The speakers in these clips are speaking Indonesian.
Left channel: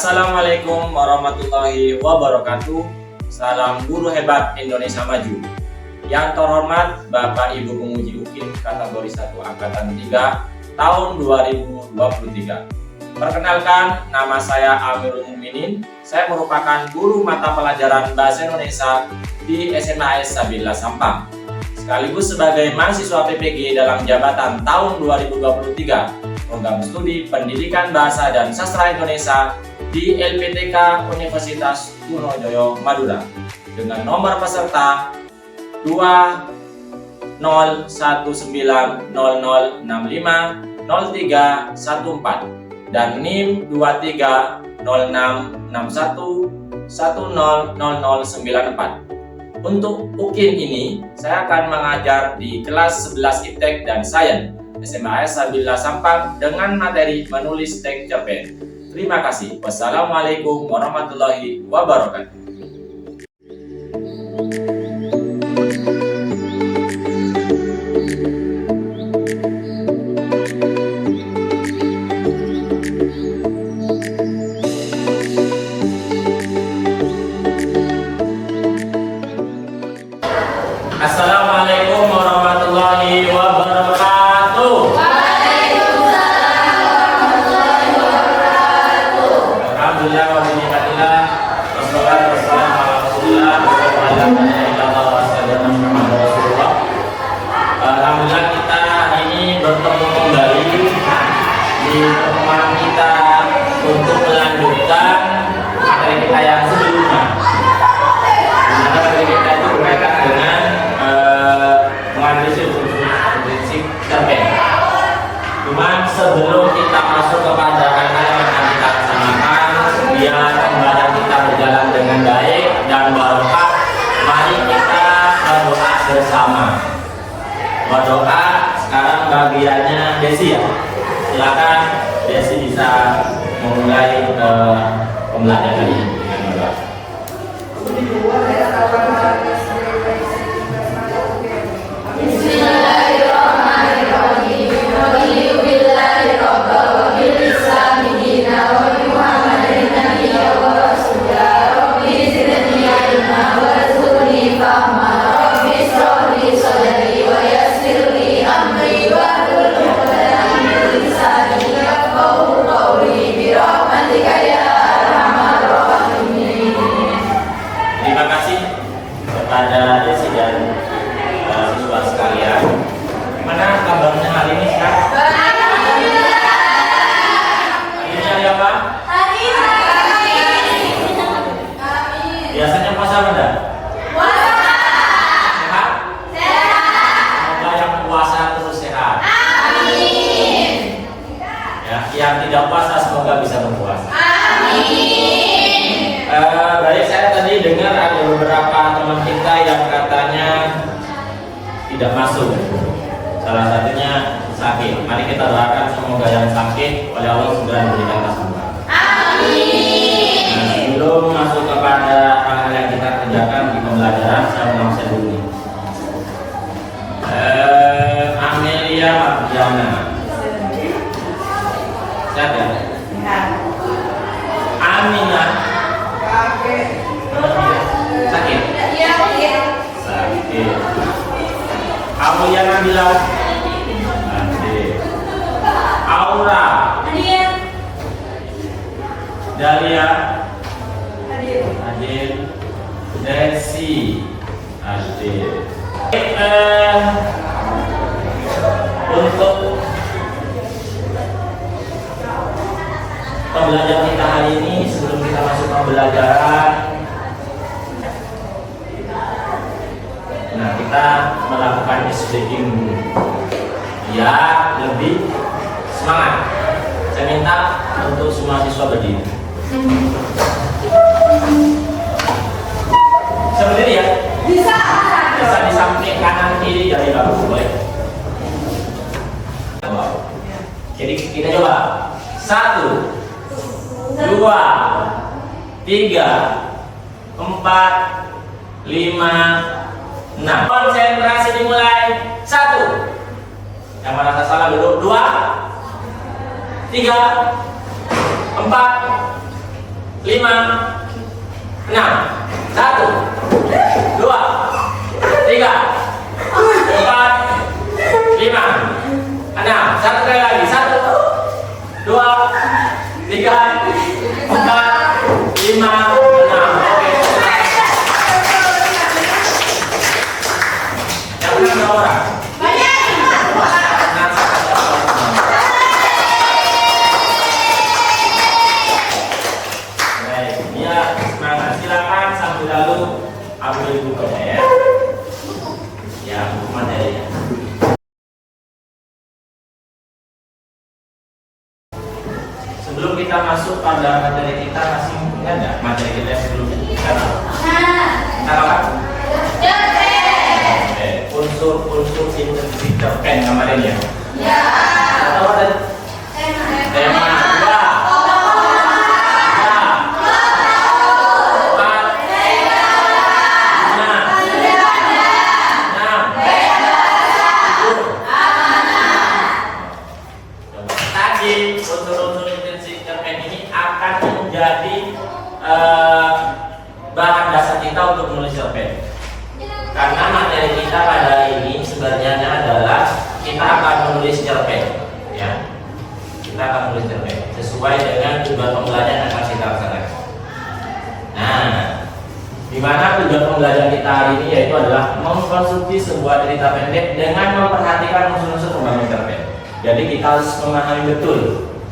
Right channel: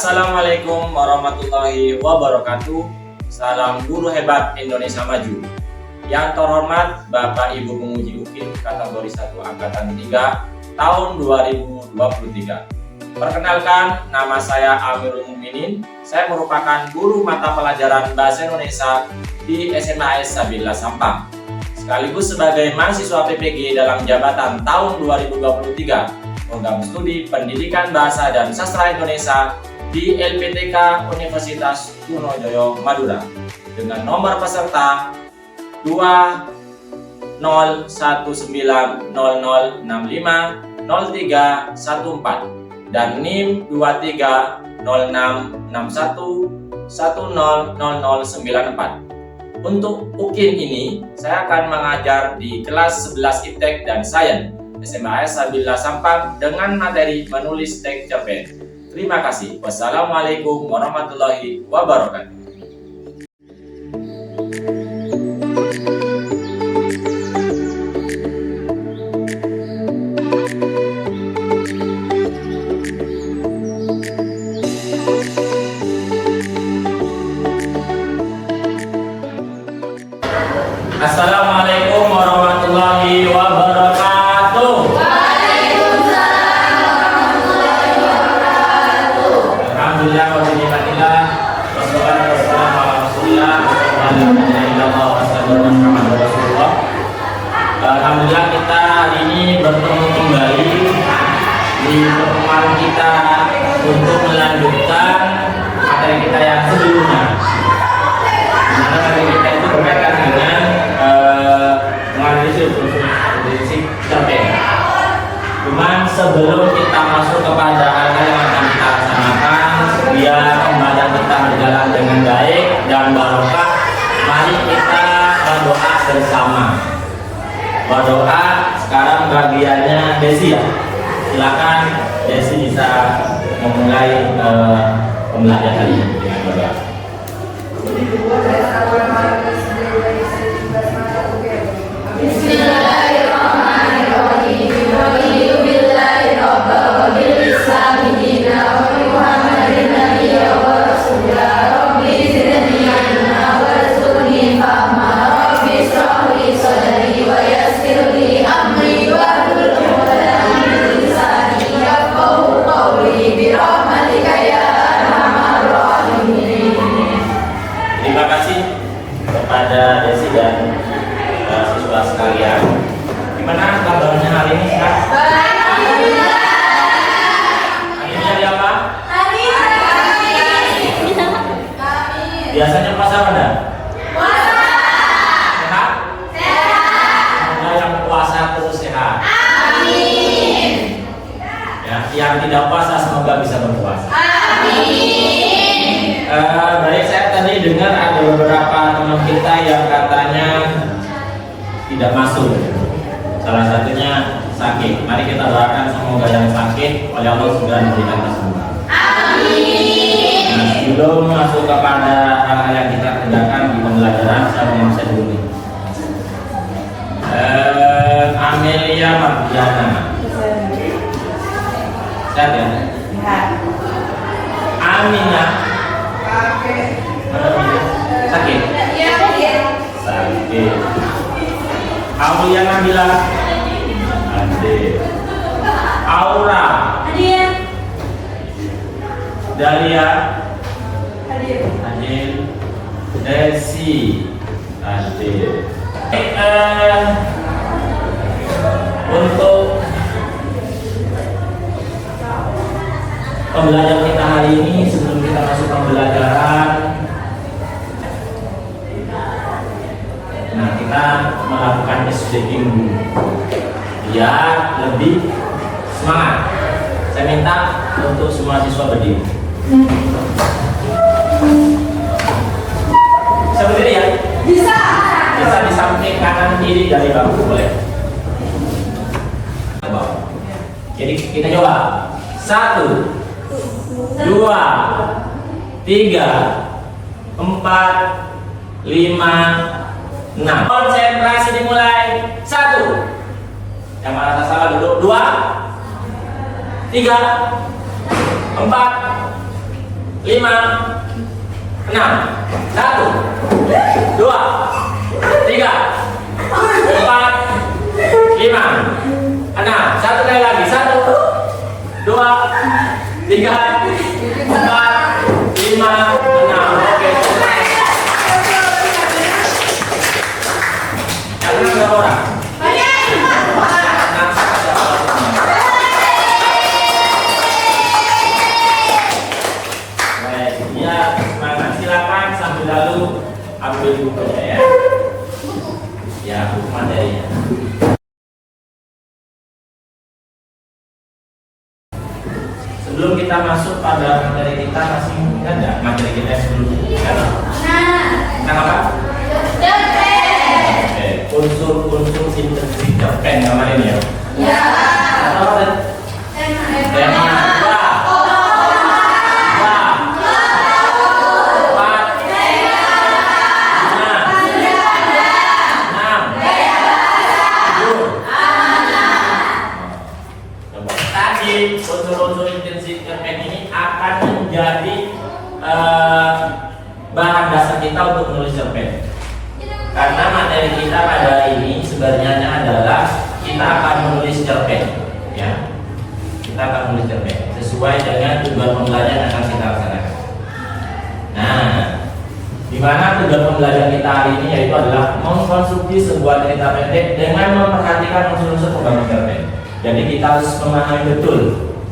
Assalamualaikum warahmatullahi wabarakatuh. Salam guru hebat Indonesia Maju. Yang terhormat Bapak Ibu penguji UKIN kategori 1 angkatan 3 tahun 2023. Perkenalkan, nama saya Amirul Mukminin. Saya merupakan guru mata pelajaran Bahasa Indonesia di SMA AS Sabila Sampang, sekaligus sebagai mahasiswa PPG dalam jabatan tahun 2023 program studi Pendidikan Bahasa dan Sastra Indonesia di LPTK Universitas Trunojoyo Madura dengan nomor peserta 2019006500314 dan NIM 230661100094. Untuk UKIN ini saya akan mengajar di kelas 11 IPTEK dan Sains SMA AS Sabila Sampang dengan materi menulis teks cerpen. Terima kasih. Wassalamualaikum warahmatullahi wabarakatuh. Assalamualaikum warahmatullahi wabarakatuh. Alhamdulillah wa bihamdillah wassalatu wassalamu ala Rasulillah wa ala alihi wa sahbihi. Alhamdulillah kita hari ini bertemu kembali di pertemuan kita untuk melanjutkan materi kita yang sebelumnya. Dimana materi kita itu berkaitan dengan menganalisis prinsip cerpen. Cuman sebelum kita masuk kepada hal-hal yang akan kita laksanakan, biar pembelajaran kita berjalan dengan baik dan barokah, mari kita berdoa bersama. Berdoa sekarang bagiannya Desi ya. Silakan Desi bisa memulai pembelajaran kali ini dengan berdoa. Terima kasih kepada Desi dan siswa sekalian. Gimana kabarnya hari ini, Kak? Hari ini hari apa? Hari ini. Biasanya puasa apa? Puasa. Sehat? Sehat. Semoga yang puasa terus sehat. Amin. Ya, yang tidak puasa semoga bisa berpuasa. Amin. Baik, saya tadi dengar ada beberapa teman kita yang katanya tidak masuk. Salah satunya sakit. Mari kita doakan semoga yang sakit oleh Allah segera diberikan kesembuhan. Amin. Nah, sebelum masuk kepada hal-hal yang kita kerjakan di pembelajaran, saya mau ngomong dulu. Amelia Mardiana. Sehat ya? Amina. Sakit? Sakit. Kamu yang Nabila? Ade. Aura? Dalia? Adil. Desi? Adil. Untuk pembelajaran kita hari ini, sebelum kita masuk pembelajaran, nah kita melakukan ice breaking dulu, ya lebih semangat. Saya minta untuk semua siswa berdiri. Bisa berdiri ya? Bisa. Bisa di samping kanan kiri dari bapak, boleh. Jadi kita coba 1, 2, 3, 4, 5, 6. Konsentrasi dimulai. 1. Yang merasa salah dulu. 2, 3, 4, 5, 6, 1, 2, 3, 4, 5, 6, satu kali lagi, 1, 2, 3, 4, 5, 6. Oke. Yang menang berapa orang? Ya, semangat. Silakan sambil lalu ambil bukunya ya. Ya, buku materinya. Sebelum kita masuk pada materi kita, masih ingat nggak materi kita sebelumnya? Tentang apa? Unsur-unsur sintetik cerpen kemarin ya. Apa tadi? Tema. Unsur-unsur intensif cerpen ini akan menjadi bahan dasar kita untuk menulis cerpen. Karena materi kita pada hari ini sebenarnya adalah kita akan menulis cerpen, ya. Kita akan menulis cerpen sesuai dengan tujuan pembelajaran yang akan kita laksanakan. Nah, di mana tujuan pembelajaran kita hari ini yaitu adalah mengkonstruksi sebuah cerita pendek dengan memperhatikan unsur-unsur pembangun cerpen. Jadi kita harus memahami betul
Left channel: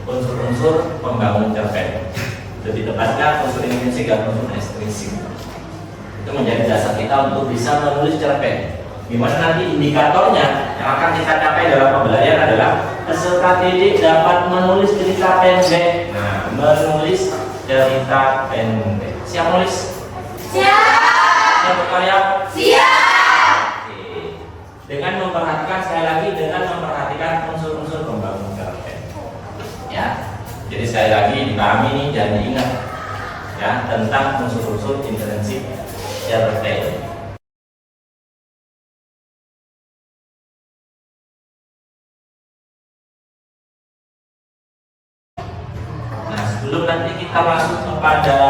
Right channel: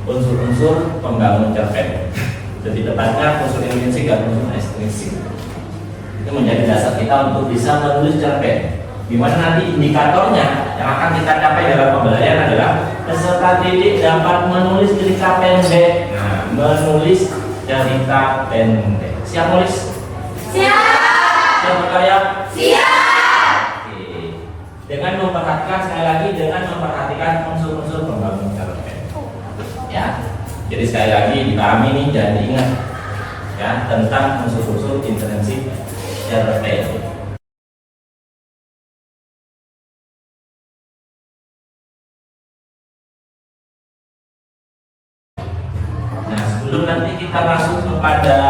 unsur-unsur pembangun cerpen. Lebih tepatnya unsur intrinsik dan unsur ekstrinsik. Itu menjadi dasar kita untuk bisa menulis cerpen. Di mana nanti indikatornya yang akan kita capai dalam pembelajaran adalah peserta didik dapat menulis cerita pendek. Nah, menulis cerita pendek. Siap nulis? Siap. Siap berkarya? Siap. Oke. Dengan memperhatikan, sekali lagi dengan memperhatikan unsur-unsur pembangun cerpen. Ya. Jadi sekali lagi dipahami nih, jangan diingat ya tentang unsur-unsur intrinsik cerpen. Nah, sebelum nanti kita masuk kepada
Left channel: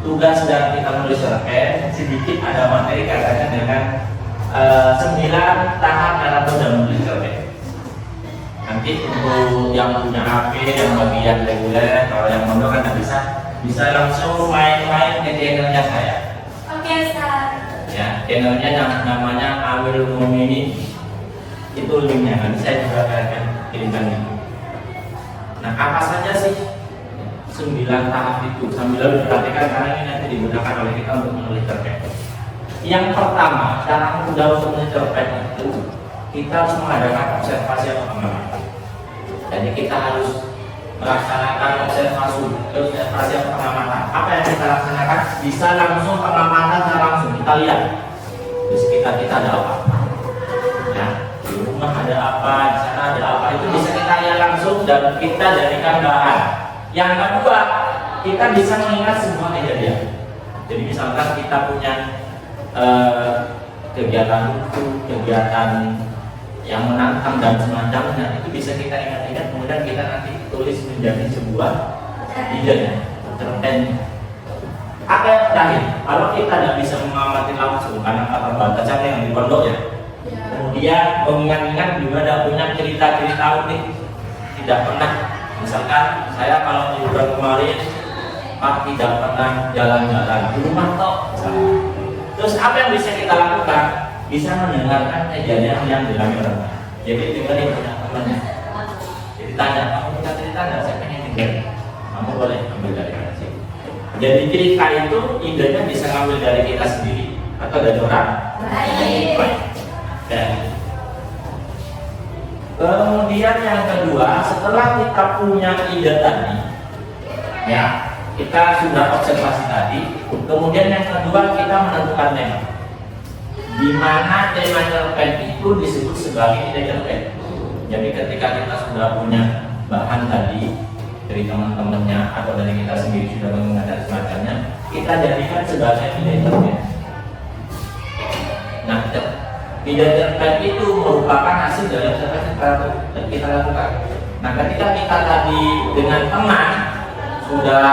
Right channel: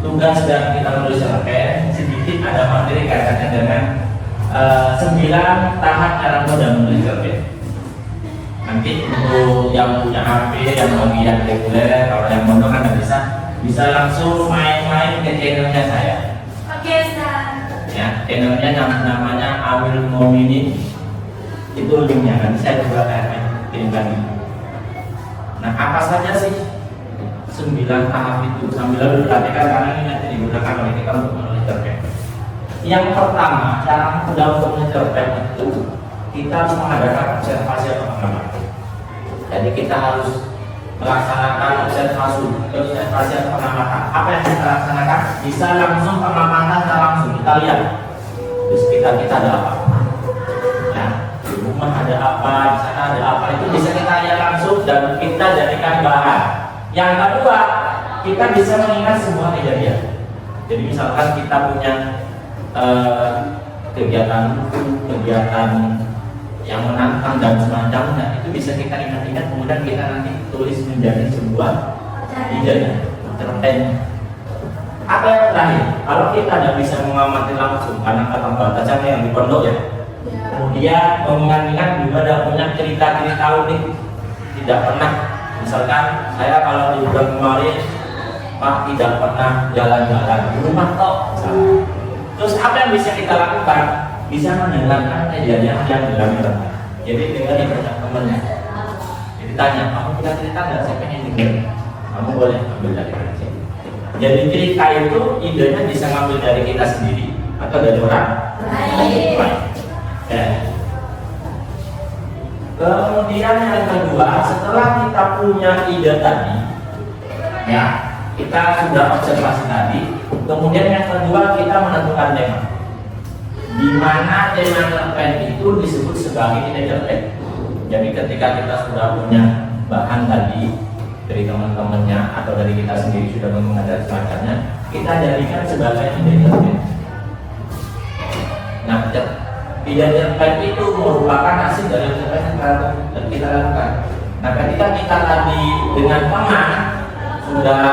tugas dan kita menulis cerpen, sedikit ada materi kaitannya dengan 9 tahap cara mudah menulis cerpen. Nanti untuk yang punya HP, yang bagian reguler, kalau yang mondok kan bisa langsung main-main ke channelnya saya. Oke, Ustaz. Ya, channelnya namanya Amir Momini. Itu linknya, nanti saya juga akan kirimkan. Nah, apa saja sih 9 tahap itu sambil perhatikan karena ini nanti digunakan oleh kita untuk menulis cerpen. Yang pertama, cara mudah untuk menulis cerpen itu kita harus mengadakan observasi atau pengamatan. Jadi kita harus melaksanakan observasi atau pengamatan. Apa yang kita laksanakan? Bisa langsung pengamatan dan langsung kita lihat di sekitar kita ada apa. Ya, di rumah ada apa, di sana ada apa, itu bisa kita lihat langsung dan kita jadikan bahan. Yang kedua, kita bisa mengingat semua kejadian. Jadi misalkan kita punya kegiatan yang menantang dan semacamnya, itu bisa kita ingat-ingat, kemudian kita nanti tulis menjadi sebuah ide cerpen. Apa yang terakhir, kalau kita tidak bisa mengamati langsung karena kata batasannya yang di pondok ya, kemudian mengingat-ingat juga ada punya cerita-cerita unik, tidak pernah, misalkan saya kalau di bulan kemarin Pak tidak pernah jalan-jalan di rumah kok. Terus apa yang bisa kita lakukan? Bisa mendengarkan kejadian yang dilakukan. Jadi dengan yang punya temannya, jadi tanya, kamu punya cerita nggak? Saya pengen dengar. Kamu boleh ambil dari saya. Jadi cerita itu idenya bisa ngambil dari kita sendiri atau dari orang lain. Ya. Kemudian yang kedua, setelah kita punya ide tadi, ya kita sudah observasi tadi. Kemudian yang kedua kita menentukan tema. Di mana tema cerpen itu disebut sebagai ide cerpen. Jadi ketika kita sudah punya bahan tadi dari teman-temannya atau dari kita sendiri sudah mengenal semacamnya, kita jadikan sebagai ide cerpen. Nah, ide cerpen itu merupakan hasil dari cerpen yang kita lakukan. Nah, ketika kita tadi dengan teman sudah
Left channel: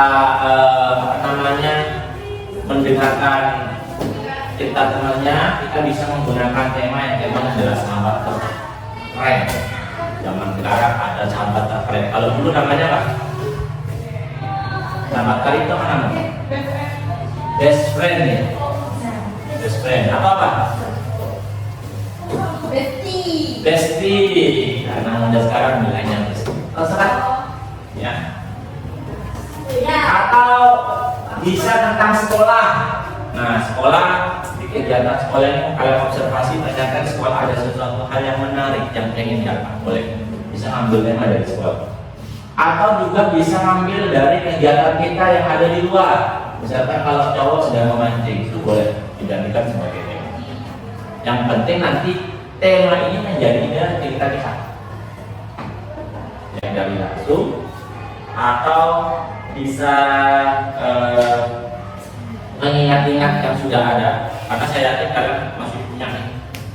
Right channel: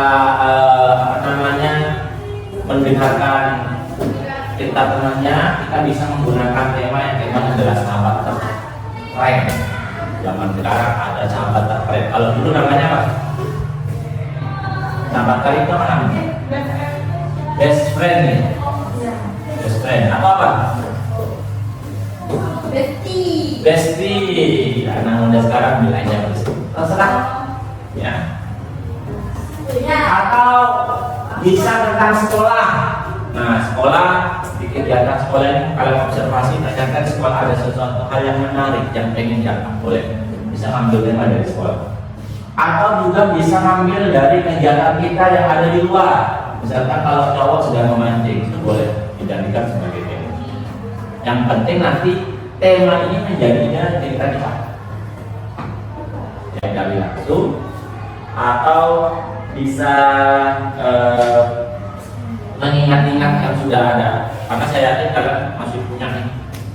mendengarkan cerita temannya, kita bisa menggunakan tema yang temanya adalah sahabat terkeren. Zaman sekarang ada sahabat terkeren. Kalau dulu namanya apa? Sahabat terkeren itu apa namanya? Best friend ya? Best friend. Apa? Bestie. Anak muda sekarang bilangnya bestie. Terserah. Ya. Atau bisa tentang sekolah. Nah, sekolah di kegiatan sekolah ini kalau observasi ternyata di sekolah ada sesuatu hal yang menarik yang pengen dilakukan boleh bisa ambilnya dari sekolah. Atau juga bisa ambil dari kegiatan kita yang ada di luar. Misalkan kalau cowok sedang memancing, boleh dijadikan sebagai tema. Yang penting nanti tema ini menjadinya cerita kita yang dari langsung atau bisa mengingat-ingat yang sudah ada. Karena saya yakin kalian masih punya nih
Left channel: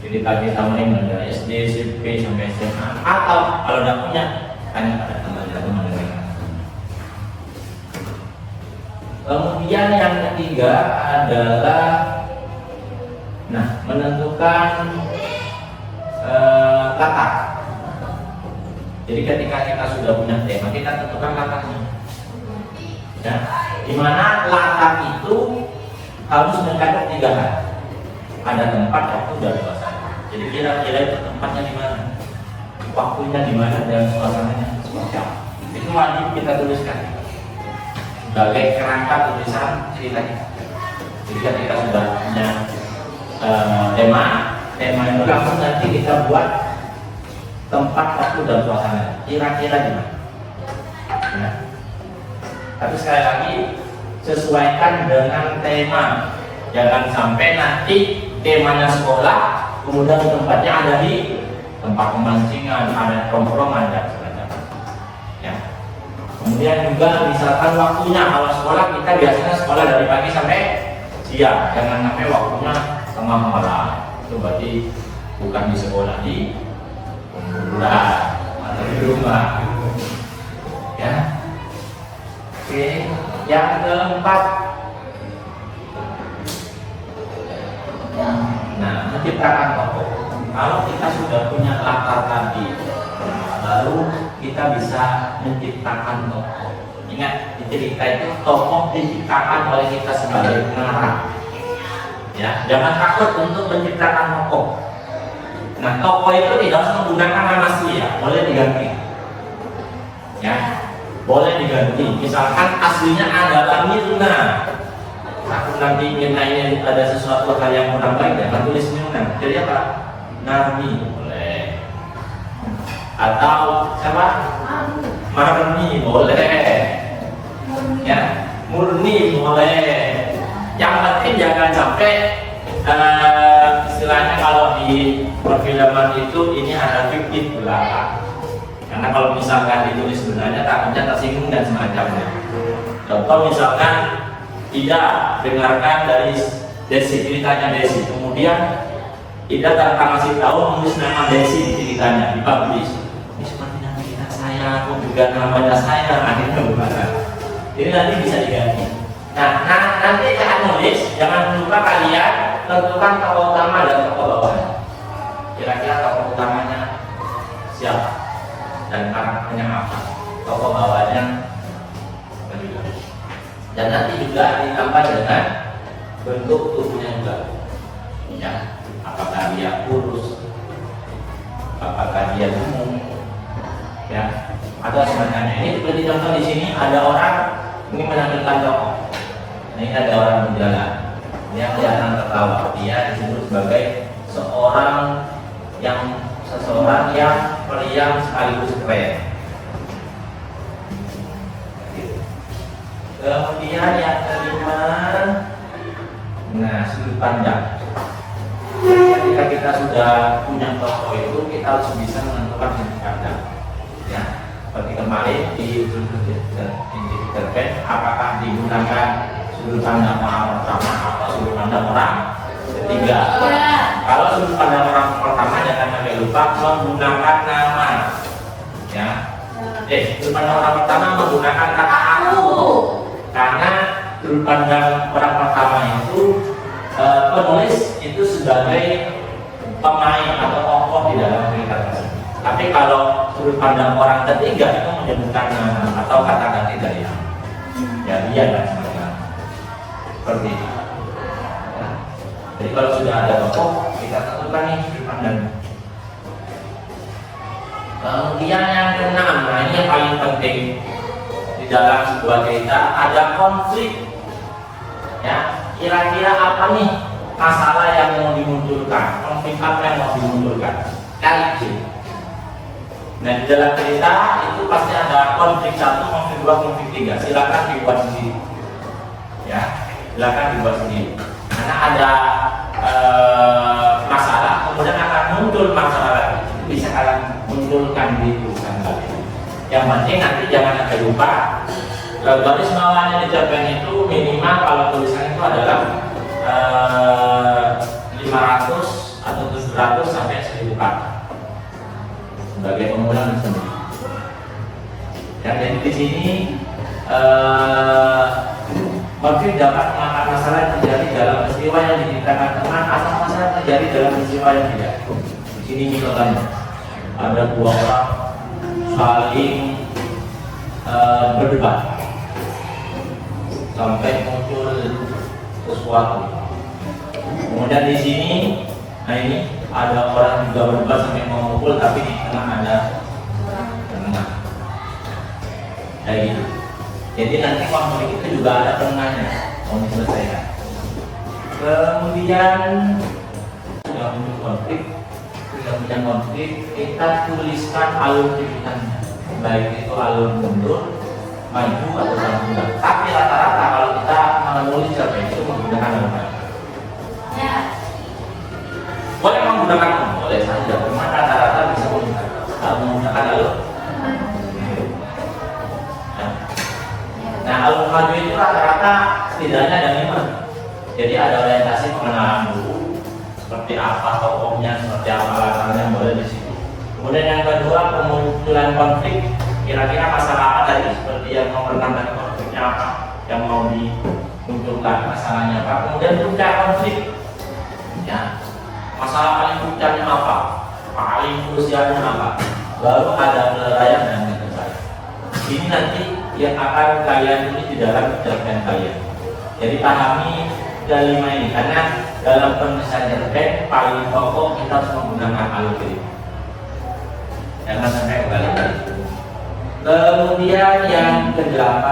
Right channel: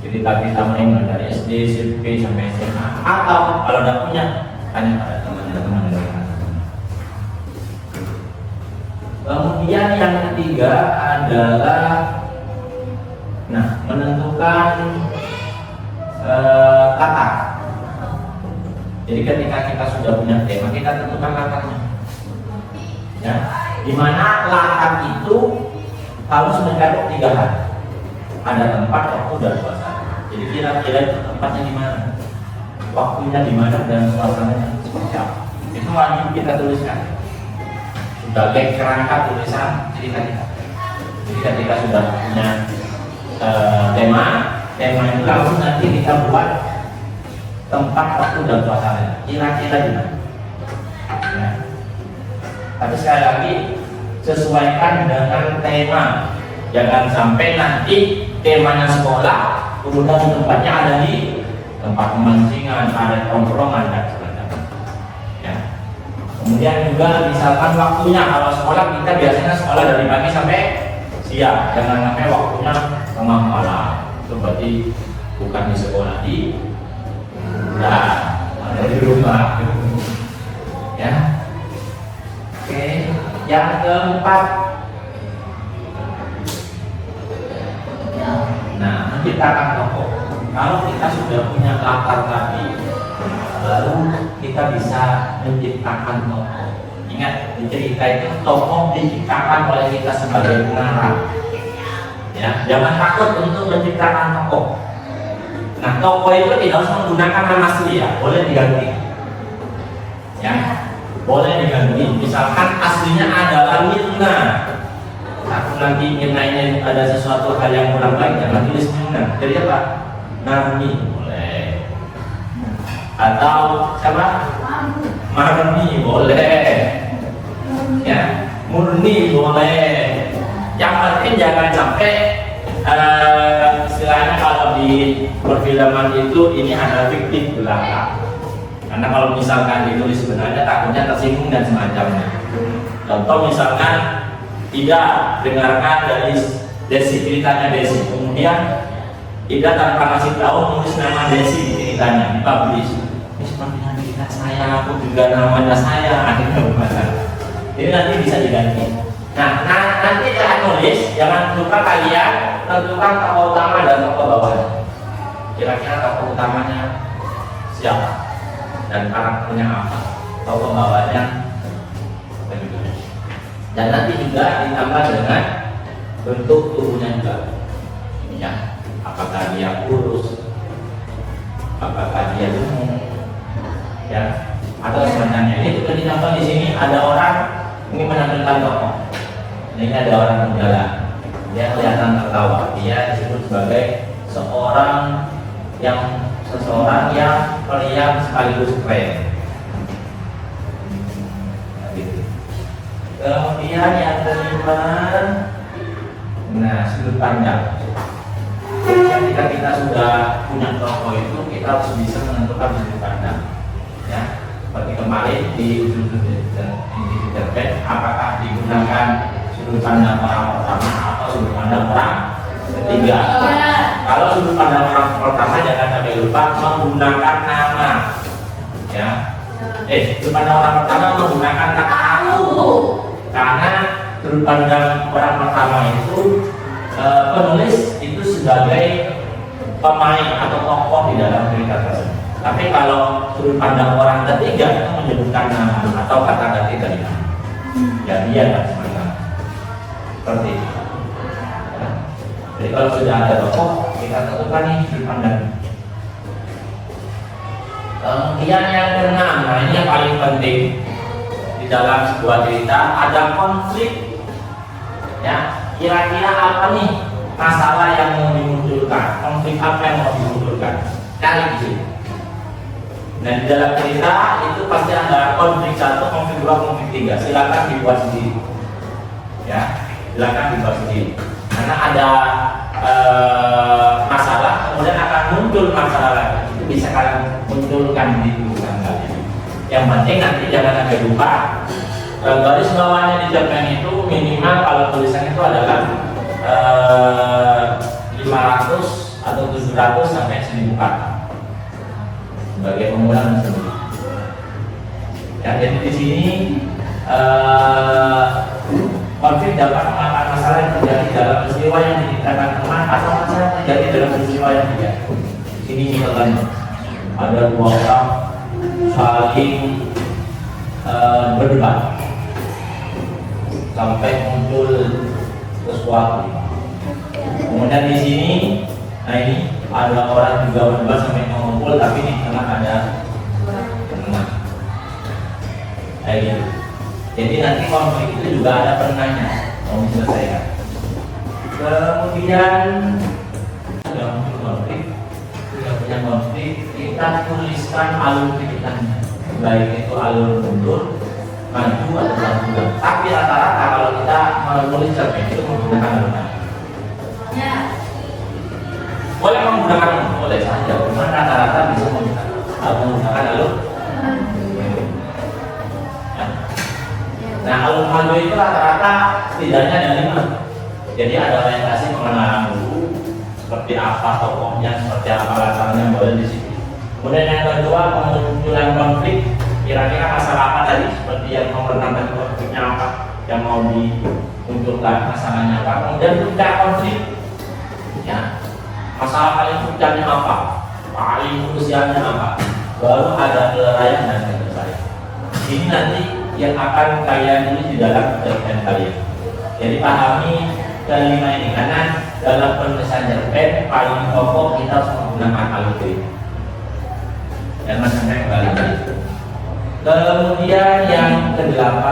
cerita-cerita main dari SD, SMP sampai SMA. Atau kalau tidak punya, tanya pada teman-teman. Kemudian yang ketiga adalah menentukan kata. Jadi ketika kita sudah punya tema, kita tentukan katanya. Ya, dimana latar itu harus mencakup 3 hal. Ada tempat, waktu, dan suasana. Jadi kira-kira itu tempatnya di mana, waktunya di mana, dan suasananya seperti apa. Itu wajib kita tuliskan sebagai kerangka tulisan cerita kita. Jadi ketika sudah punya tema itu langsung nanti kita buat tempat, waktu, dan suasana. Kira-kira di mana. Ya. Tapi sekali lagi sesuaikan dengan tema. Jangan sampai nanti temanya sekolah, kemudian tempatnya ada di tempat pemancingan, ada tongkrongan dan sebagainya. Ya. Kemudian juga misalkan waktunya, kalau sekolah kita biasanya sekolah dari pagi sampai siang. Jangan sampai waktunya tengah malam. Itu berarti bukan di sekolah, di rumah. Ya. Oke, yang keempat, menciptakan tokoh. Kalau kita sudah punya latar tadi, baru kita bisa menciptakan tokoh. Ingat, di cerita itu tokoh diciptakan oleh kita sebagai pengarang. Ya, jangan takut untuk menciptakan tokoh. Nah, tokoh itu tidak harus menggunakan nama asli ya, boleh diganti. Ya, boleh diganti. Misalkan aslinya adalah Mirna. Aku nanti Mirna-nya ada sesuatu hal yang kurang baik, jangan tulis Mirna. Jadi apa? Narmi boleh. Atau siapa? Marni boleh. Ya, Murni boleh. Yang penting jangan sampai istilahnya kalau di perfilman itu ini ada fiktif belaka. Karena kalau misalkan ditulis sebenarnya takutnya tersinggung dan semacamnya. Contoh misalkan tidak dengarkan dari Desi, ceritanya Desi, kemudian tidak tanpa ngasih tahu nulis nama Desi di ceritanya, dipublish. Ini sepertinya cerita saya, aku juga namanya saya, akhirnya bermana. Ini nanti bisa diganti. Nah, nanti saya nulis, jangan lupa kalian tentukan tokoh utama dan tokoh bawah. Kira-kira tokoh utamanya siapa dan karakternya apa, tokoh bawahnya apa juga. Dan nanti juga ditambah dengan bentuk tubuhnya juga. Ya, apakah dia kurus, apakah dia gemuk, ya, atau semacamnya. Ini seperti contoh di sini ada orang ingin menampilkan tokoh. Ini ada orang berjalan, dia kelihatan tertawa. Dia disebut sebagai seseorang yang periang sekaligus keren. Kemudian yang kelima, sudut pandang. Ketika kita sudah punya tokoh itu, kita harus bisa menentukan sudut pandang. Ya, seperti kemarin di sudut internet, apakah digunakan sudut pandang orang pertama atau sudut pandang orang ketiga. Kalau sudut pandang orang pertama jangan sampai lupa menggunakan nama. Ya, Sudut pandang orang pertama menggunakan kata aku, karena sudut pandang orang pertama itu penulis itu sebagai pemain atau tokoh di dalam cerita tersebut. Tapi kalau sudut pandang orang ketiga itu menyebutkan nama atau kata ketiga ya dia kan seperti itu. Jadi kalau sudah ada tokoh, kita tentukan nih sudut pandang. Kemudian yang keenam, nah ini yang paling penting di dalam sebuah cerita, ada konflik. Ya, kira-kira apa nih masalah yang mau dimunculkan, konflik apa yang mau dimunculkan? Cari di sini. Nah di dalam cerita itu pasti ada konflik 1, konflik 2, konflik 3. Silakan dibuat sendiri. Ya, silakan dibuat sendiri. Karena ada masalah, kemudian akan muncul masalah lagi. Itu bisa kalian munculkan di tulisan kalian. Yang penting nanti jangan sampai lupa. Garis bawahnya di cerpen itu minimal kalau tulisan itu adalah 500 atau 700 sampai 1000 kata sebagai pengulangan sendiri. Ya, jadi di sini konflik dapat mengangkat masalah yang terjadi dalam peristiwa yang diceritakan teman atau masalah yang terjadi dalam peristiwa yang tidak. Ini misalkan ada 2 orang saling berdebat sampai muncul sesuatu. Kemudian di sini, nah ini ada orang juga berdebat sampai mengumpul, tapi di tengah ada penengah. Kayak gitu. Jadi nanti konflik itu juga ada penengahnya, mau diselesaikan. Kemudian sudah muncul konflik, sudah punya konflik, kita tuliskan alur ceritanya, baik itu alur mundur, maju atau belakang. Tapi rata-rata kalau kita menulis cerpen itu menggunakan alur maju. Ya. Boleh menggunakan boleh saja, cuma rata-rata bisa menggunakan alur. Nah, alur maju itu rata-rata setidaknya ada 5. Jadi ada orientasi pengenalan dulu, seperti apa tokohnya, seperti apa latarnya, boleh di situ. Kemudian yang kedua, pemunculan konflik. Kira-kira masalah apa tadi? Seperti yang mempertentangkan konfliknya apa, yang mau dimunculkan masalahnya apa. Kemudian puncak konflik, ya, masalah paling puncaknya apa, paling krusialnya apa. Baru ada penilaian dan penilaian. Ini nanti yang akan kalian tulis di dalam cerpen kalian. Jadi pahami kelima ini, karena dalam penulisan cerpen paling pokok kita harus menggunakan alur cerita. Jangan sampai kebalikan. Kemudian yang ke-8,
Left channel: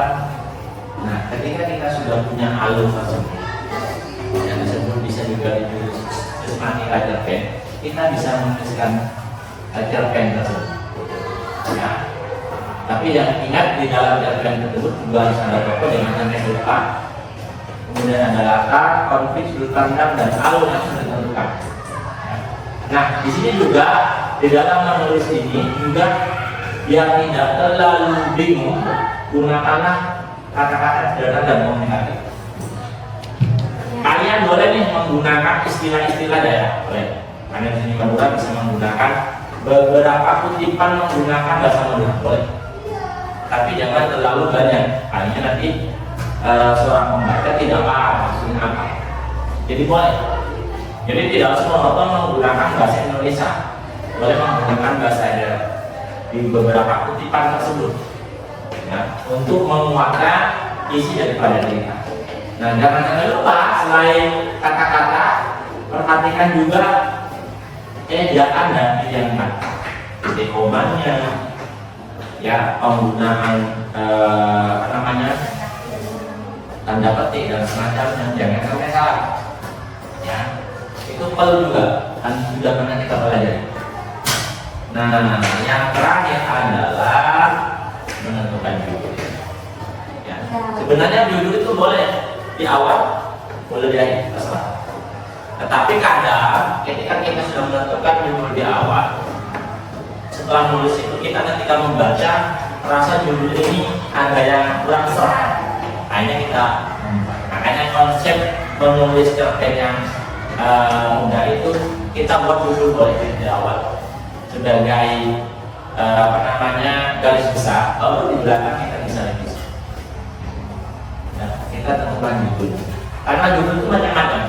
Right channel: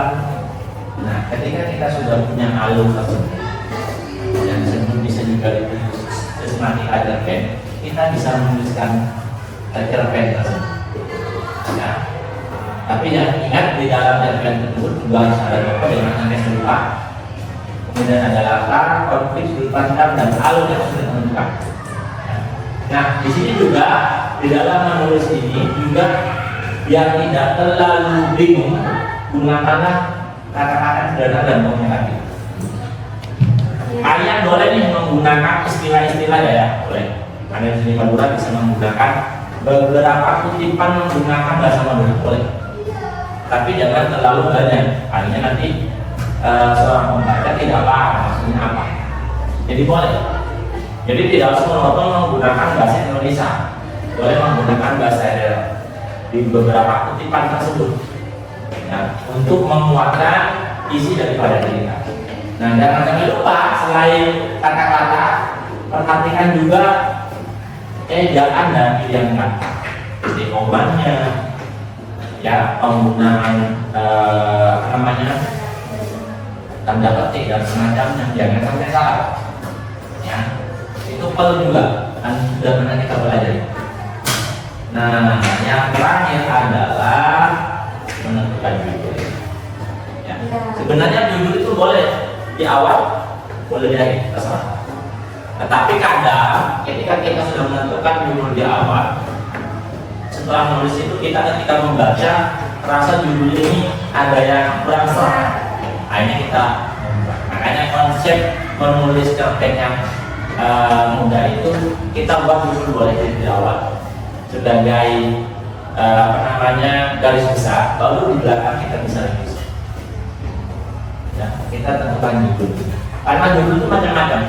nah ketika kita sudah punya alur tersebut yang disebut bisa juga ditulis sistematika cerpen, kita bisa menuliskan cerpen tersebut. Ya. Tapi yang ingat di dalam cerpen tersebut juga harus ada tokoh dengan namanya lupa, kemudian ada latar, konflik, sudut pandang dan alur yang sudah ditentukan. Nah di sini juga di dalam menulis ini juga yang tidak terlalu bingung, gunakanlah kata-kata sederhana dan komunikatif. Kalian boleh nih menggunakan istilah-istilah daerah, boleh. Kalian di sini Madura bisa menggunakan beberapa kutipan menggunakan bahasa Madura, boleh. Tapi jangan terlalu banyak, hanya nanti seorang pembaca tidak paham maksudnya apa. Jadi boleh. Jadi tidak harus monoton menggunakan bahasa Indonesia, boleh menggunakan bahasa daerah di beberapa kutipan tersebut, ya, untuk menguatkan isi daripada cerita. Nah, jangan lupa selain kata-kata, perhatikan juga ejaan dan pilihan kata, dekomannya, ya, penggunaan tanda petik dan semacamnya, jangan sampai salah. Ya, itu perlu juga, dan sudah pernah kita belajar. Nah, yang terakhir adalah menentukan judul. Ya. Sebenarnya judul itu boleh di awal, boleh di akhir, terserah. Tetapi kadang ketika kita sudah menentukan judul di awal, setelah menulis itu kita ketika membaca rasa judul ini ada yang kurang serap. Nah, ini kita makanya konsep menulis cerpen yang mudah itu kita buat judul boleh di awal sebagai garis besar, lalu di belakang kita bisa tulis. Ya, kita tentukan judul. Karena judul itu macam-macam.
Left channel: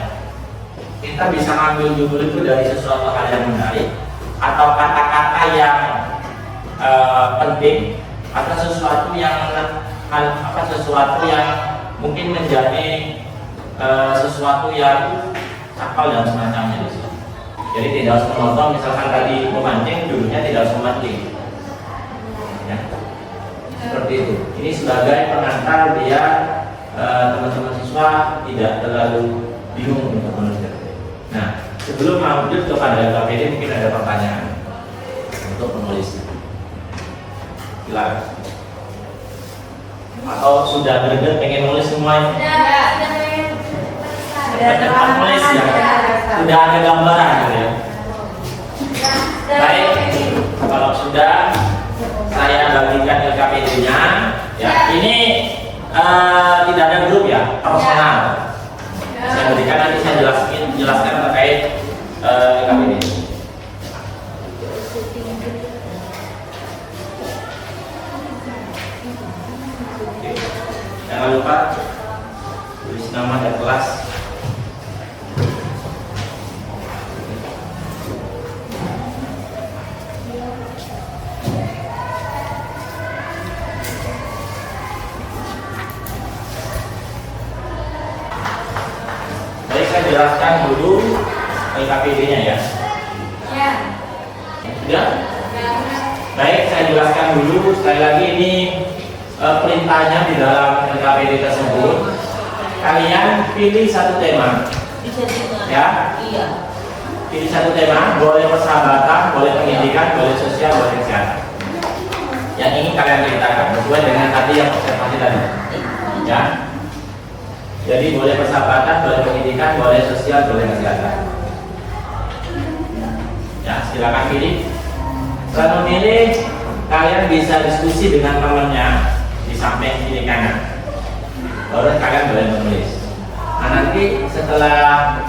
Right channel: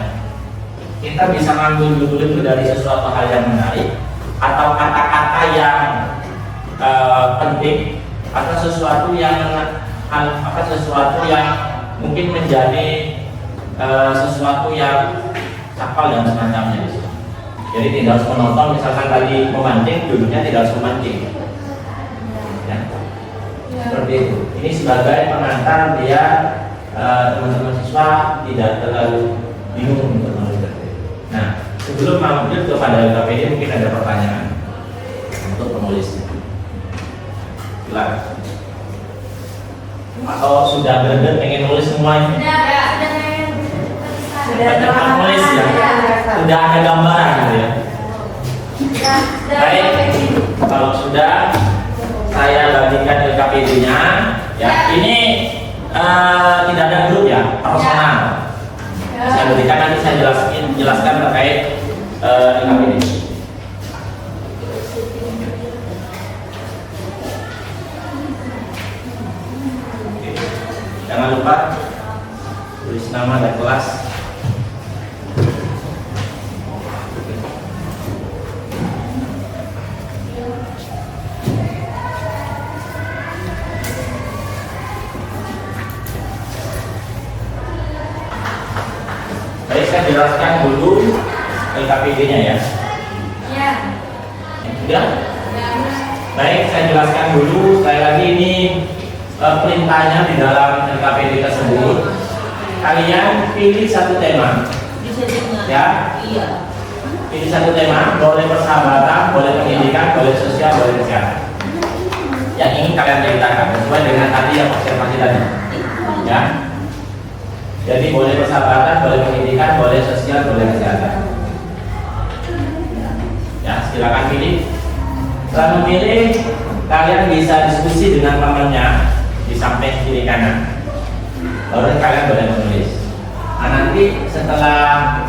Kita bisa ngambil judul itu dari sesuatu hal yang menarik, atau kata-kata yang penting, atau sesuatu yang mungkin menjadi sesuatu yang sakral dan semacamnya di situ. Jadi tidak harus menonton, misalkan tadi memancing, judulnya tidak harus memancing. Ya, seperti itu. Ini sebagai pengantar biar teman-teman siswa tidak terlalu bingung untuk menulis. Nah, sebelum lanjut kepada LKPD mungkin ada pertanyaan untuk penulis. Silakan. Atau sudah greget pengen nulis semuanya? Banyak penulis ya. Sudah ada gambaran gitu ya. Baik, kalau sudah saya bagikan LKPD-nya. Ya, ini tidak ada grup ya, personal. Saya berikan nanti saya jelaskan terkait LKPD. Oke. Jangan lupa tulis nama dan kelas. Saya jelaskan dulu LKPD-nya ya. Iya. Sudah? Baik, saya jelaskan dulu. Sekali lagi ini perintahnya di dalam LKPD tersebut. Kalian pilih satu tema. Ya. Iya. Pilih satu tema. Boleh persahabatan, boleh pendidikan, boleh sosial, boleh kesehatan. Yang ingin kalian ceritakan sesuai dengan tadi yang observasi tadi. Ya. Jadi boleh persahabatan, boleh pendidikan, boleh sosial, boleh kesehatan. Ya, silakan pilih. Setelah memilih, kalian bisa diskusi dengan temannya di samping kiri kanan. Baru kalian boleh menulis. Nah, nanti setelah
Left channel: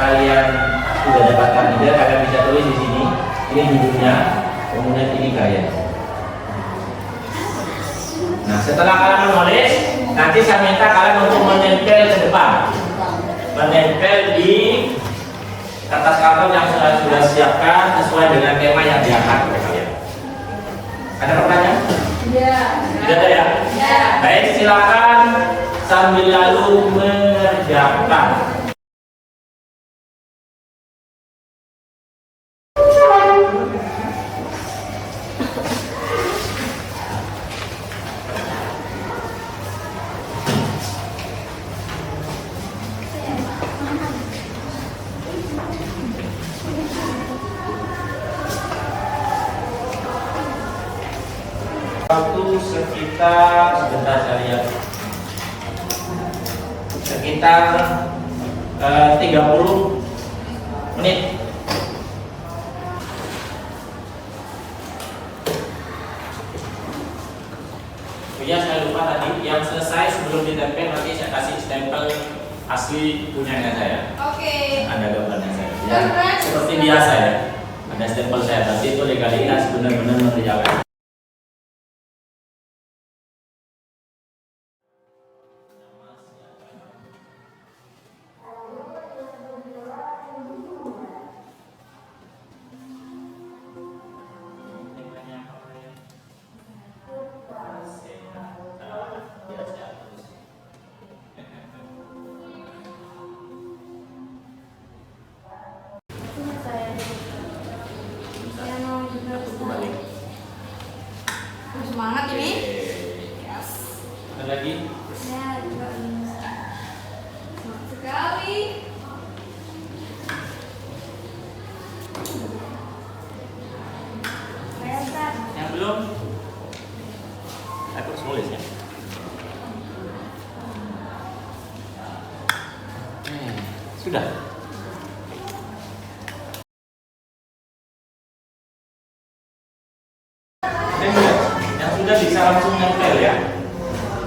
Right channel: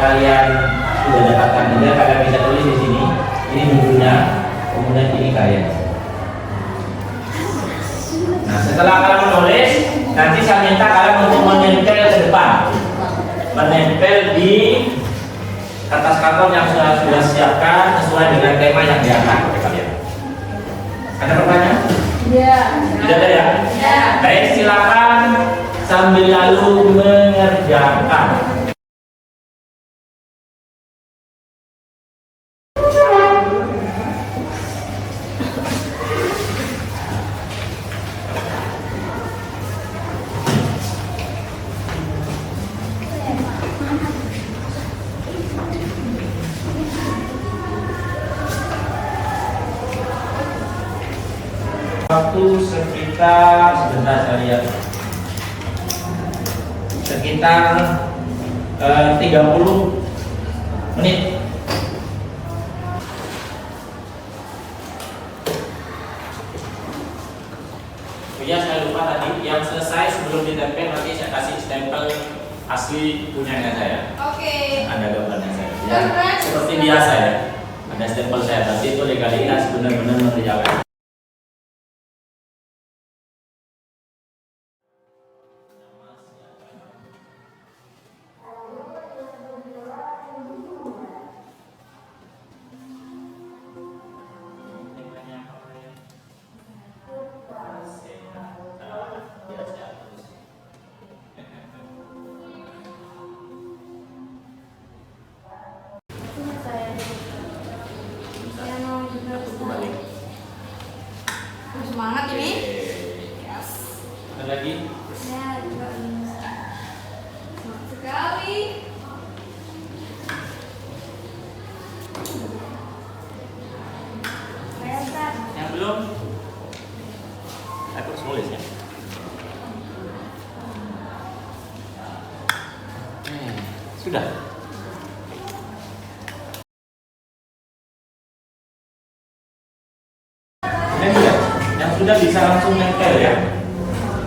kalian sudah dapatkan ide, kalian bisa tulis di sini. Ini judulnya, kemudian ini kalian. Nah, setelah kalian menulis, nanti saya minta kalian untuk menempel ke depan, menempel di kertas karton yang sudah siapkan sesuai dengan tema yang diangkat oleh kalian. Ada pertanyaan? Iya. Tidak ada ya? Iya. Baik, silakan sambil lalu mengerjakan. Waktu sekitar sebentar saya lihat sekitar 30 menit. Ya, saya lupa tadi yang selesai sebelum ditempel nanti saya kasih stempel asli punyanya saya. Oke. Ada gambarnya saya. Ya, seperti biasa ya. Ada stempel saya, tapi itu legalitas benar-benar mengerjakan. Semangat ini. Yes. Ada lagi? Ya, juga semangat sekali. Yang belum? Aku harus nulis ya. Sudah. Yang sudah bisa langsung nempel ya.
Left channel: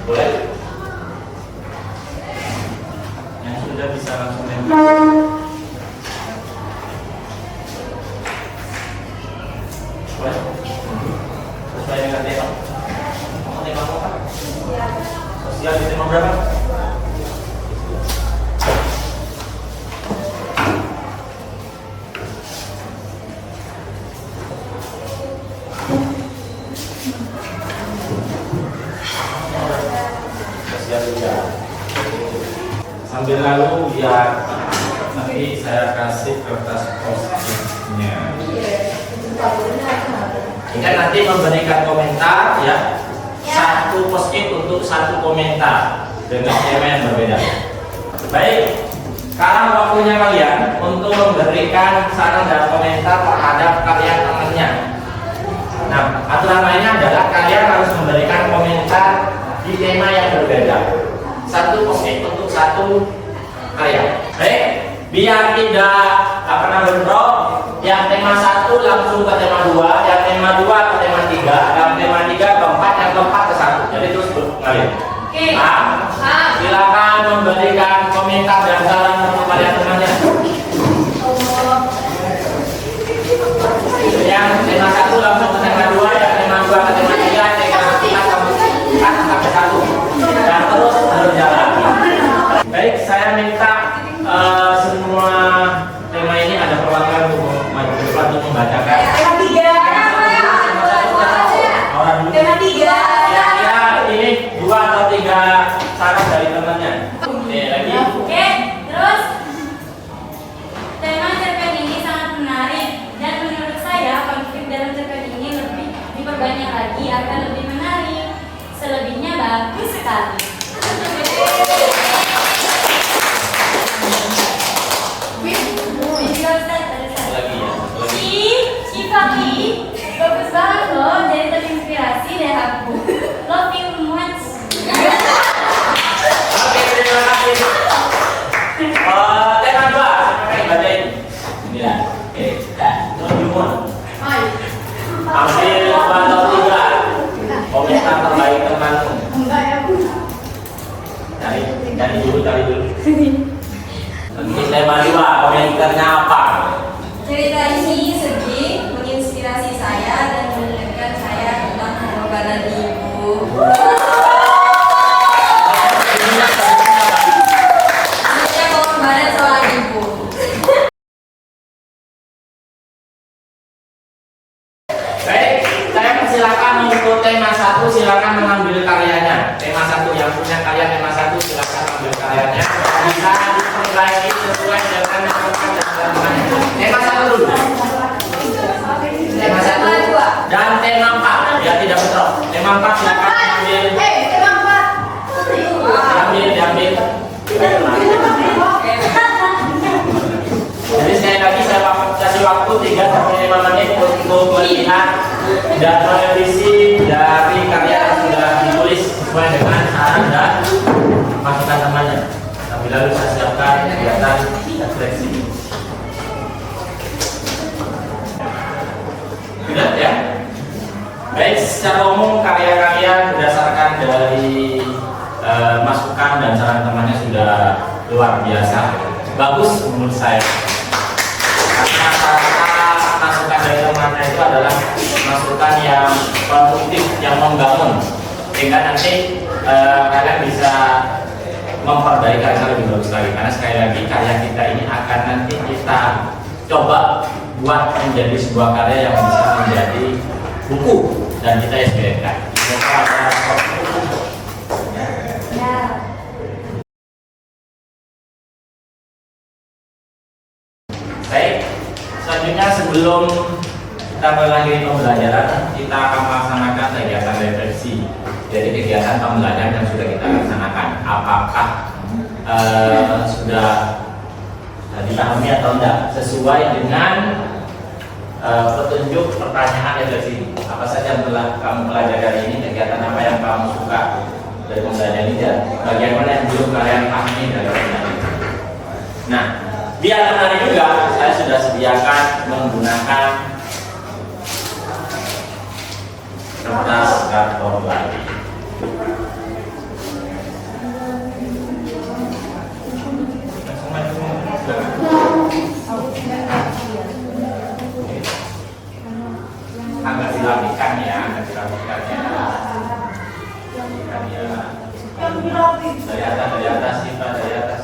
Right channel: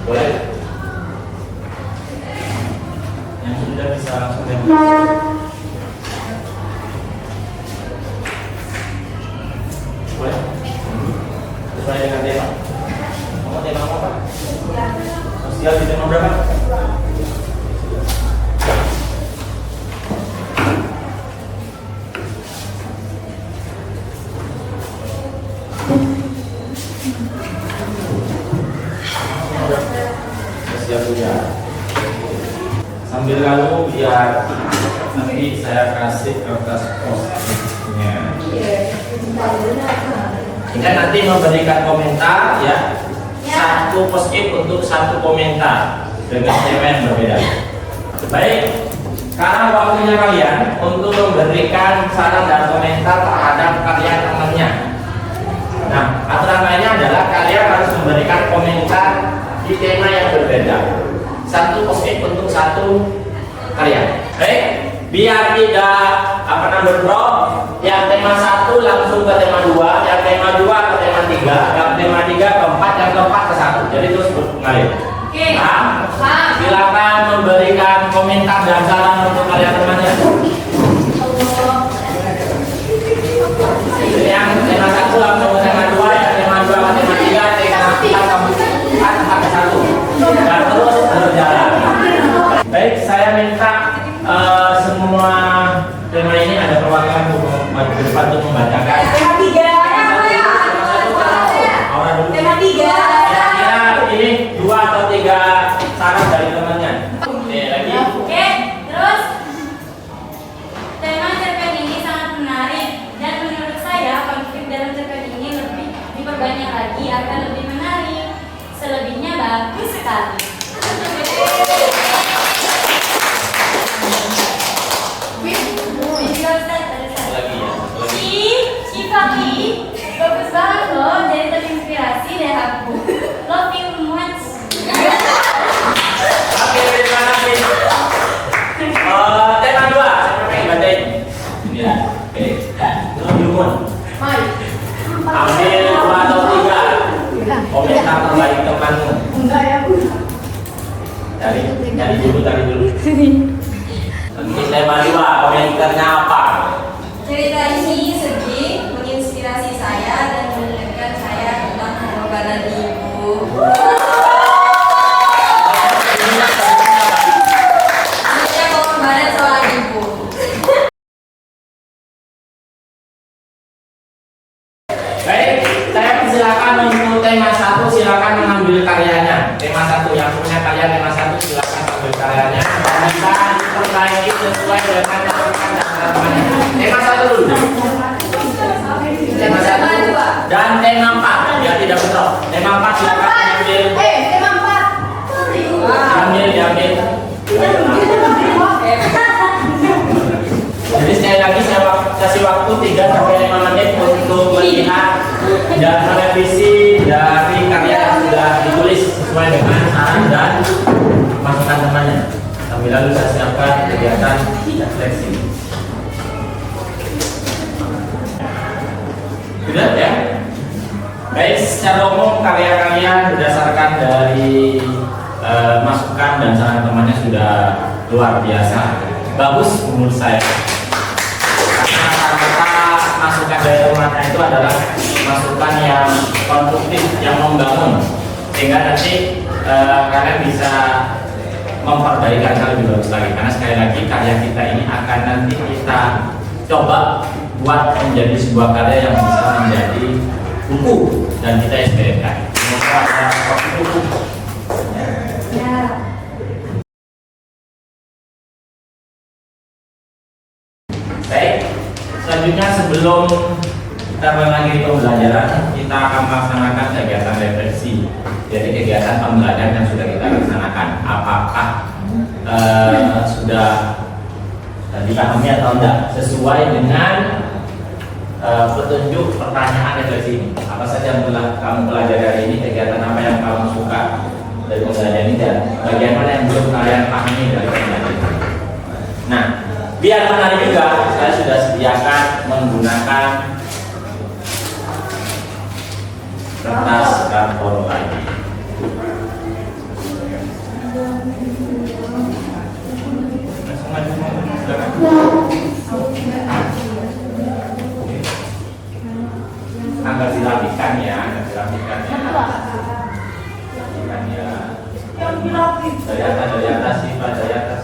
Boleh. Yang sudah bisa langsung nempel. Boleh. sesuai dengan tema. Kamu tema apa? Siap. Sosial di tema berapa? Sambil lalu biar nanti saya kasih kertas post-itnya. Jika nanti memberikan komentar ya, satu post-it untuk satu komentar dengan tema yang berbeda. Baik, sekarang waktunya kalian untuk memberikan saran dan komentar terhadap karya temannya. Nah, aturan lainnya adalah kalian harus memberikan komentar di tema yang berbeda. Satu post-it untuk satu karya. Baik, biar tidak bentrok. Yang tema 1 langsung ke tema 2, yang tema 2 ke tema 3, yang tema 3 ke 4, yang keempat ke 1. Jadi terus mengalir. Nah, silakan memberikan komentar dan saran untuk karya temannya. Yang tema 1 langsung ke tema 2, yang tema 2 ke tema 3, tema 4 sampai 1. Dan terus berjalan. Baik, saya minta semua tema ini ada perwakilan untuk depan untuk membacakan. Tema 3. Tema 3. Kira-kira ini 2 atau 3 saran dari temannya. Oke, lagi. Oke, terus tema cerpen ini sangat menarik dan menurut saya konflik dalam cerpen ini lebih diperbanyak lagi agar lebih menarik. Selebihnya bagus sekali. Lagi ya. Papi, bagus banget loh, jadi terinspirasi deh aku. Love you much. Oke, terima kasih. Tema 2, oke, bacain. Ya, oke. Tunjukkan. Ambil 2 atau 3 komentar terbaik temanmu. Cari dulu. Nanti tema 2, komentarnya apa? Cerita ini sedih, menginspirasi saya dan mengingatkan saya tentang pengorbanan ibu. Maksudnya pengorbanan seorang ibu. Baik, saya persilakan untuk tema 1, silakan mengambil karyanya. Tema 1 yang punya karya tema 1 silakan mengambil karyanya. Bisa diperbaiki sesuai dengan masukan dan teman-temannya. Tema 1 dulu. Tema 1 dan tema 4 ya, tidak bentrok. Tema 4 silakan mengambil. Diambil. Jadi sekali lagi saya kasih waktu 3 sampai 5 menit untuk melihat dan merevisi dari karya yang sudah ditulis sesuai dengan saran dan masukan temannya. Sambil lalu saya siapkan kegiatan seleksi. Sudah ya? Baik, secara umum karya-karya berdasarkan dari masukan dan saran temannya sudah luar biasa. Bagus menurut saya. Karena rata-rata masukan dari temannya itu adalah masukan yang konstruktif, yang membangun, sehingga nanti kalian bisa memperbaiki karya lebih bagus lagi. Karena sekali lagi karya kita ini akan nanti kita coba buat menjadi sebuah karya yang bisa menjadi buku dan kita inspirasikan. Buku. Baik, selanjutnya sebelum kita mengakhiri pembelajaran, kita akan melaksanakan kegiatan refleksi. Jadi kegiatan pembelajaran yang sudah kita laksanakan, apakah sudah dipahami atau tidak sesuai dengan petunjuk pertanyaan refleksi ini. Apa saja yang telah kamu pelajari hari ini, kegiatan apa yang kamu suka dari pembelajaran ini, dan bagian mana yang belum kalian pahami dari pembelajaran ini. Nah, biar menarik juga, saya sudah sediakan menggunakan kertas A4 ini. Agak dirapikan ya, agak dirapikan. dari atas, Siva dari atas.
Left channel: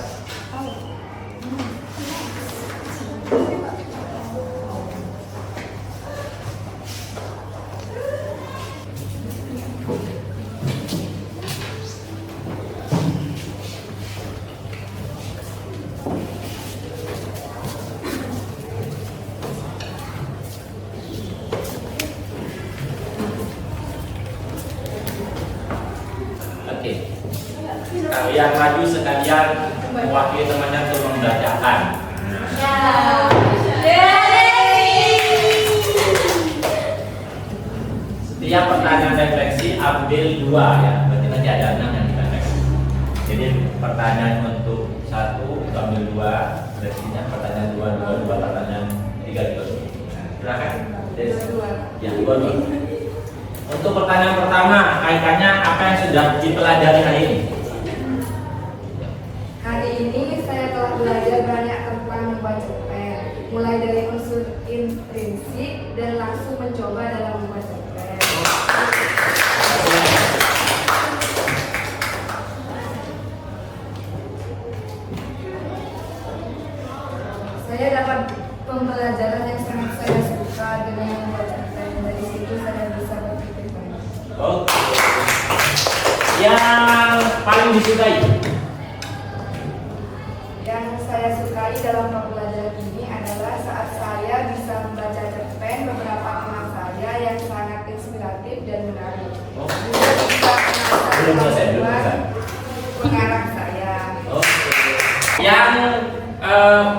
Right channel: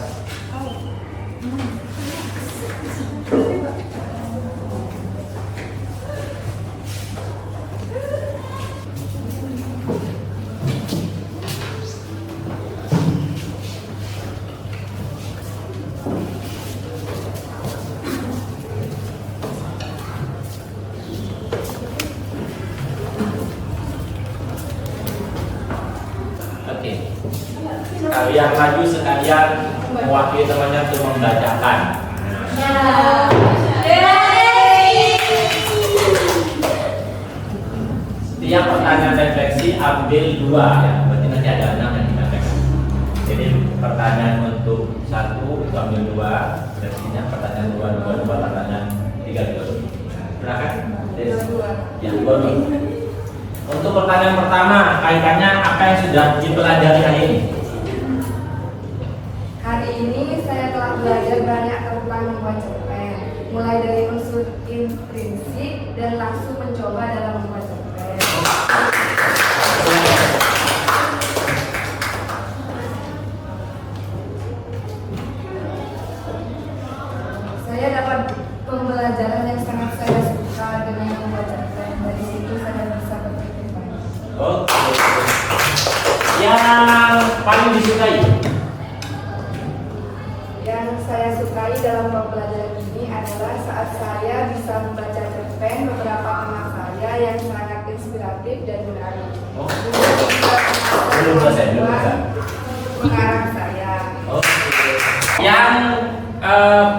Oke. Kalian maju sekalian mewakili temannya untuk membacakan. Setiap pertanyaan refleksi ambil 2 ya, berarti nanti ada 6 yang kita refleksi. Jadi pertanyaan untuk 1 itu ambil 2, refleksinya pertanyaan 2, pertanyaan 3 juga. Silakan. Ya, 2. Untuk pertanyaan pertama, kaitannya apa yang sudah dipelajari hari ini? Hari ini saya telah belajar banyak tentang membuat cerpen, mulai dari unsur intrinsik dan langsung mencoba dalam membuat cerpen. Saya dapat pembelajaran yang sangat saya suka dengan membuat cerpen. Dari situ saya bisa berpikir banyak. Oke. Yang paling disukai? Yang saya sukai dalam pembelajaran ini adalah saat saya bisa membaca cerpen beberapa teman saya yang sangat inspiratif dan menarik. Oh. Belum selesai. Mengarang saya. Oke. Yang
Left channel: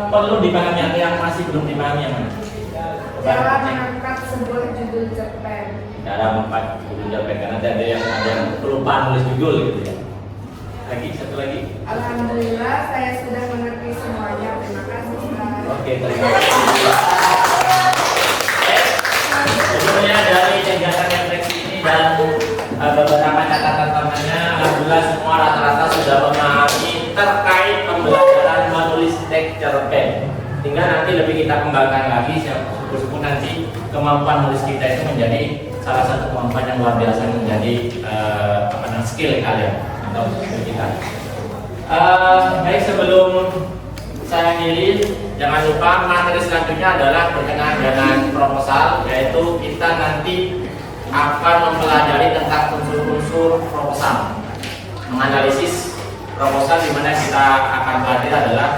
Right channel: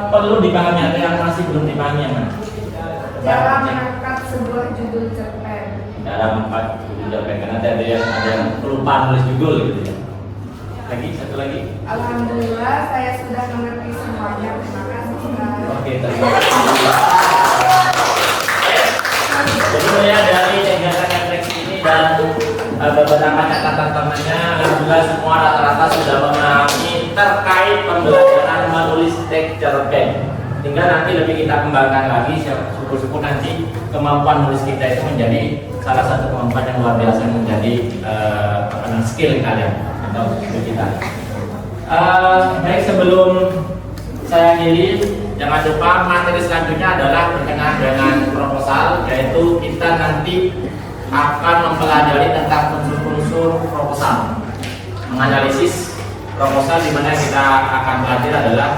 perlu dipahami atau yang masih belum dipahami yang mana? Dalam mengangkat sebuah judul cerpen. Dalam 4 judul cerpen, karena ada yang kelupaan nulis judul gitu ya. Satu lagi. Alhamdulillah saya sudah mengerti semuanya. Terima kasih. Oke, terima kasih. Jadi saya dari kegiatan refleksi ini dan beberapa catatan temannya, alhamdulillah semua rata-rata sudah memahami terkait pembelajaran menulis teks cerpen. Tinggal nanti lebih kita kembangkan lagi, syukur-syukur nanti kemampuan menulis kita itu menjadi salah satu kemampuan yang luar biasa, menjadi skill kalian atau skill kita. Baik, sebelum saya akhiri, jangan lupa materi selanjutnya adalah berkenaan dengan proposal, yaitu kita nanti akan mempelajari tentang unsur-unsur proposal, menganalisis proposal, di mana kita akan belajar adalah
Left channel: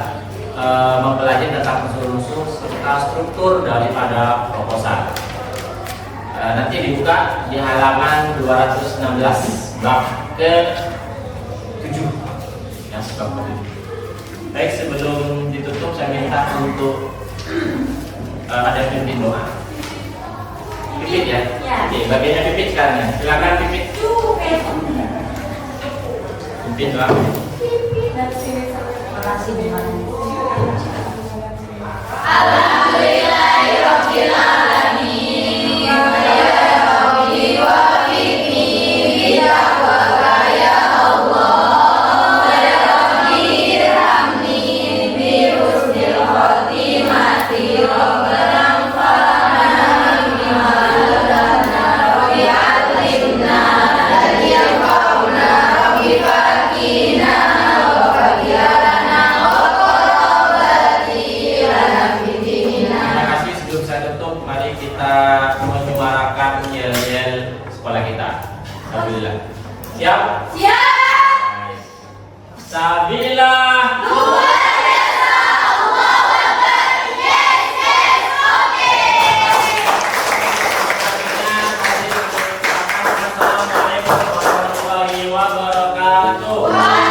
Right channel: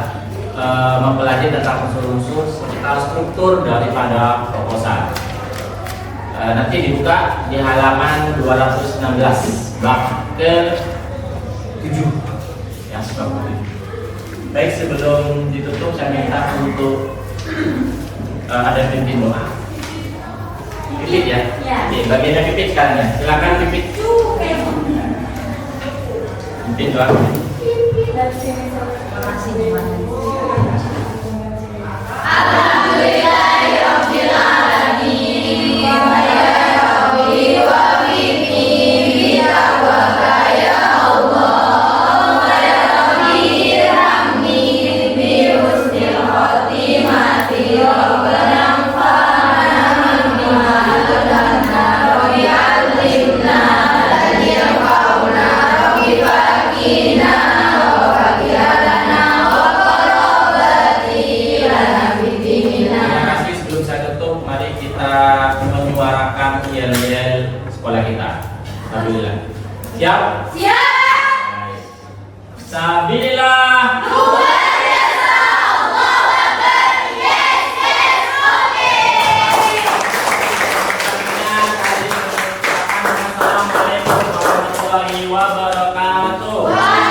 mempelajari tentang unsur-unsur serta struktur daripada proposal. Nanti dibuka di halaman 216 bab ke-7 yang bab ke-7. Baik, sebelum ditutup saya minta untuk ada pimpin doa. Pipit ya? Oke, bagiannya pipit sekarang ya. Silakan pipit. Pimpin doa. Terima kasih. Mari kita menyuarakan yel-yel sekolah kita. Alhamdulillah. Siap? Siap. Sabila. Assalamualaikum warahmatullahi wabarakatuh.